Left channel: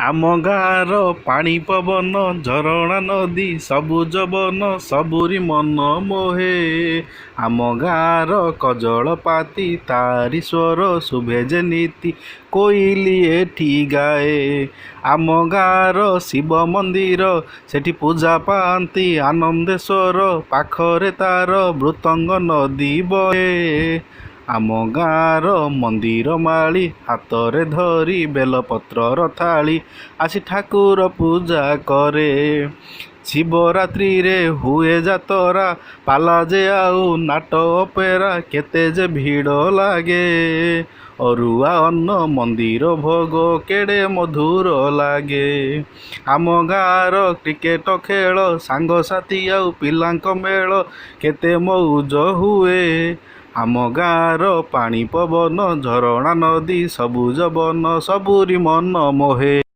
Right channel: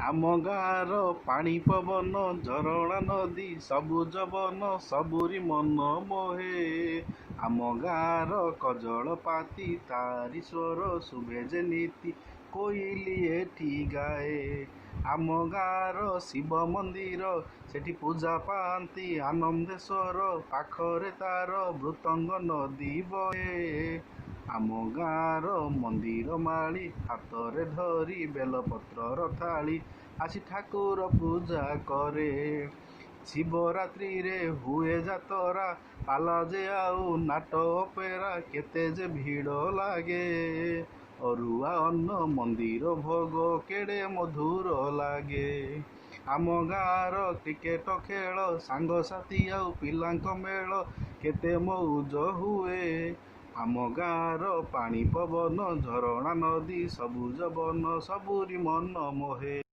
ଆମ ଗାଁର ପାଣି ପବନ ଝରଣା ନଦୀ ସବୁଜ ବନ ସବୁରି ମନ ମୋହେ। ଆମ ଗାଁର କଜଳପାତି ତାରି ସ୍ୱର ଶୁଭେ ଯେମିତି କୋଇଲି ଏଠି ଗାଏ। ଆମ ଗାଁର ଶିବ ମନ୍ଦିର ସେଠି ପୂଜା ପାଆନ୍ତି ଆନନ୍ଦେଶ୍ୱର, ପାଖରେ ତାର ମୃତଙ୍ଗ ନଦୀ ବହେ। ଆମ ଗାଁର ମନ୍ଦିର ମାଳି ହାତରେ ଧରି ବେଲପତ୍ରର ଥାଳି ଆସି ଠାକୁର ପୂଜା କରେ। ଶିବରାତ୍ରିରେ ହୁଏ ଯାତରା, ପାଲା ଯେ ଆଉ ନାଟ ଅପେରା, କେତେ ଯେ ଭିଡ଼ ଲାଗେ। ଅରୁଆ ଅନ୍ନ ମନ୍ଦିର ଭୋଗ କେଡ଼େ ମଧୁର ଲାଗେ। ଆମ ଗାଁର କ୍ରିକେଟ ଖେଳ ସାଙ୍ଗସାଥି ଆଉ ପିଲାଙ୍କ ମେଳ କେତେ ମଉଜ ହୁଏ। ଆମ ଗାଁର ପାଣି ପବନ ଝରଣା ନଦୀ ସବୁଜ ବନ ସବୁରି ମନ ମୋହେ।